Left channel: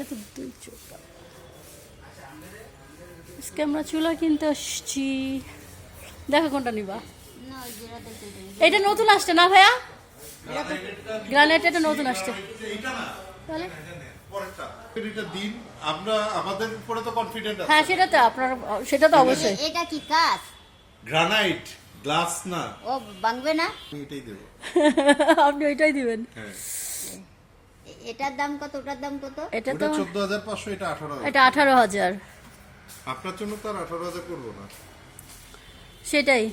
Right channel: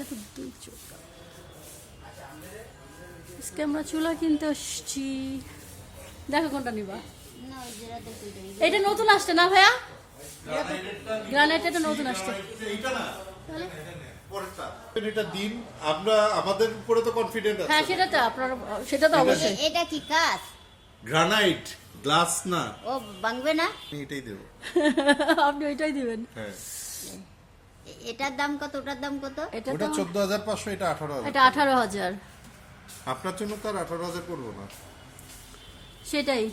এটা তো 2 চুলা। আজকে আমরা চুলা কিনতে আসছি। দেখো কোনটা নিবা। এটা নতুন আসছে না ভাইয়া? গ্রানাইট এটা নতুন আসছে। তাহলে এটা দিন আমরা আমাদের উপরে তো কনফিডেন্ট আছে। হ্যাঁ সেটা তো অবশ্যই। এটা কি কাজ? গ্রানাইট, গ্লাস না। ও ভাঙবে না? এটাই দেব। আপনি ওইটাই দিবেন। হ্যাঁ। এটার দাম কত, ওটার দাম কত? এটা ওটা তো 14500, এটা 18000। এটা 18000। আপনার জন্য তো আর 18000 করব না। সেটাই।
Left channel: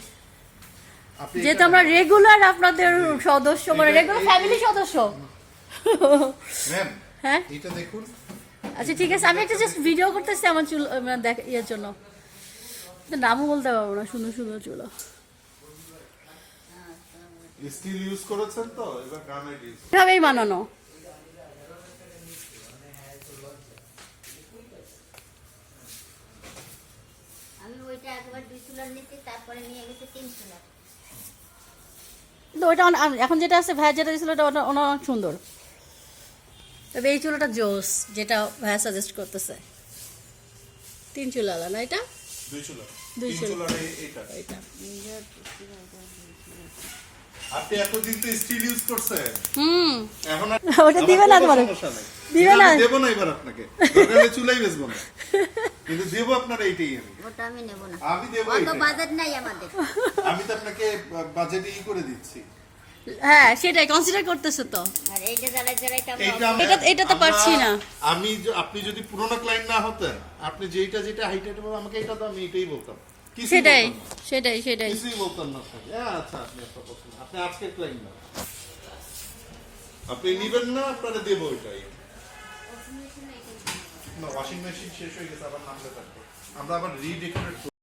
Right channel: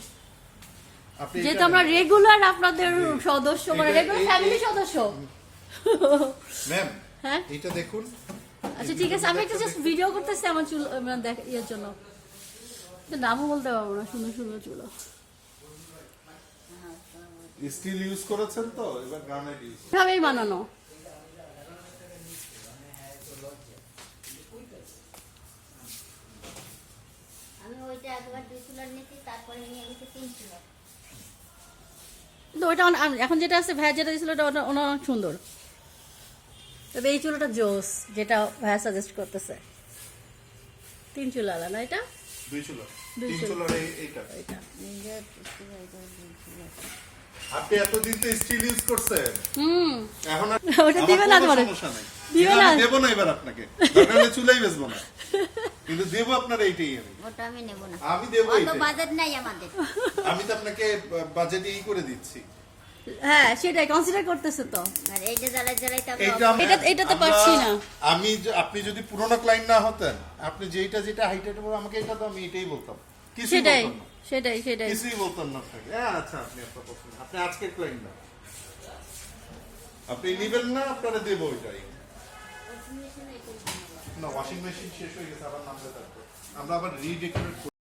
আপনি যেহেতু আমরা রেগুলার আপনাদের সদস্য, মানে রেগুলার ফ্যামিলি সদস্য। ম্যাম, হ্যাঁ এটা দেখুন। আচ্ছা ঠিক আছে, আমি একটা জাস্ট ভিডিও করতেছি আমার চুল মানে দেখ ইয়ের জন্য। নামও বলতে পারবো না, শুনো চুলো। স্টিল ইউজ করেছেন তো, এবার গ্রানাইট ইউজ। এভাবেই বানানো। আমি ওইটা একবার 2 চুলা নিতে, তারপরে নিয়ে গেছি 3 চুলা। কিন্তু ওইটা এখন যেটা আছে ভাইয়া যেটা দিয়েছিল ওটা অনেক সুন্দর। তবে এই চুলাটা জোস, যেটা ভাইয়া সাজেস্ট করতেছে। 3 চুলা আলা না এটা? 2 চুলা। 2 3 চুলা। চুলার এইটা। এটা আপনি এতদিন তো স্টিল ইউজ করছেন। এখন আর ওটা দিবে না তোমার? দিবে না? দেব না এবার আপনাকে। দরকার হলে চুলাই বেচবো না। কিন্তু দেব আপনার এইটাই আমি। ওটা আমি নেব না। আমি দেব অত এইটাই। বাজেট নাই আমাদের। আমি তো আপনাকে বাজেটে করে দিচ্ছি। হ্যাঁ সেটাই কনসিডার করতেছে তো। আর এইটা জ্বালাই তো এটা তো পারছি না। আপনি যদি পুরোনো ক্লায়েন্ট না হতেন, আপনি যেটা হাইট আমাকে এটা তো আমি এটাই বলতাম। সেটাই কিছুই বলতাম না আপনাকে। আচ্ছা, আপনি আপনার পছন্দ। আপনি আজকের ক্লায়েন্ট না, আপনি নিবেন না, আপনারা দেবো ওইটাই। না, ওয়াশিং মেশিন শেষ হয়ে গেছে, আবার নামতে থাকবে। আমরা আবার রিডেকোরেট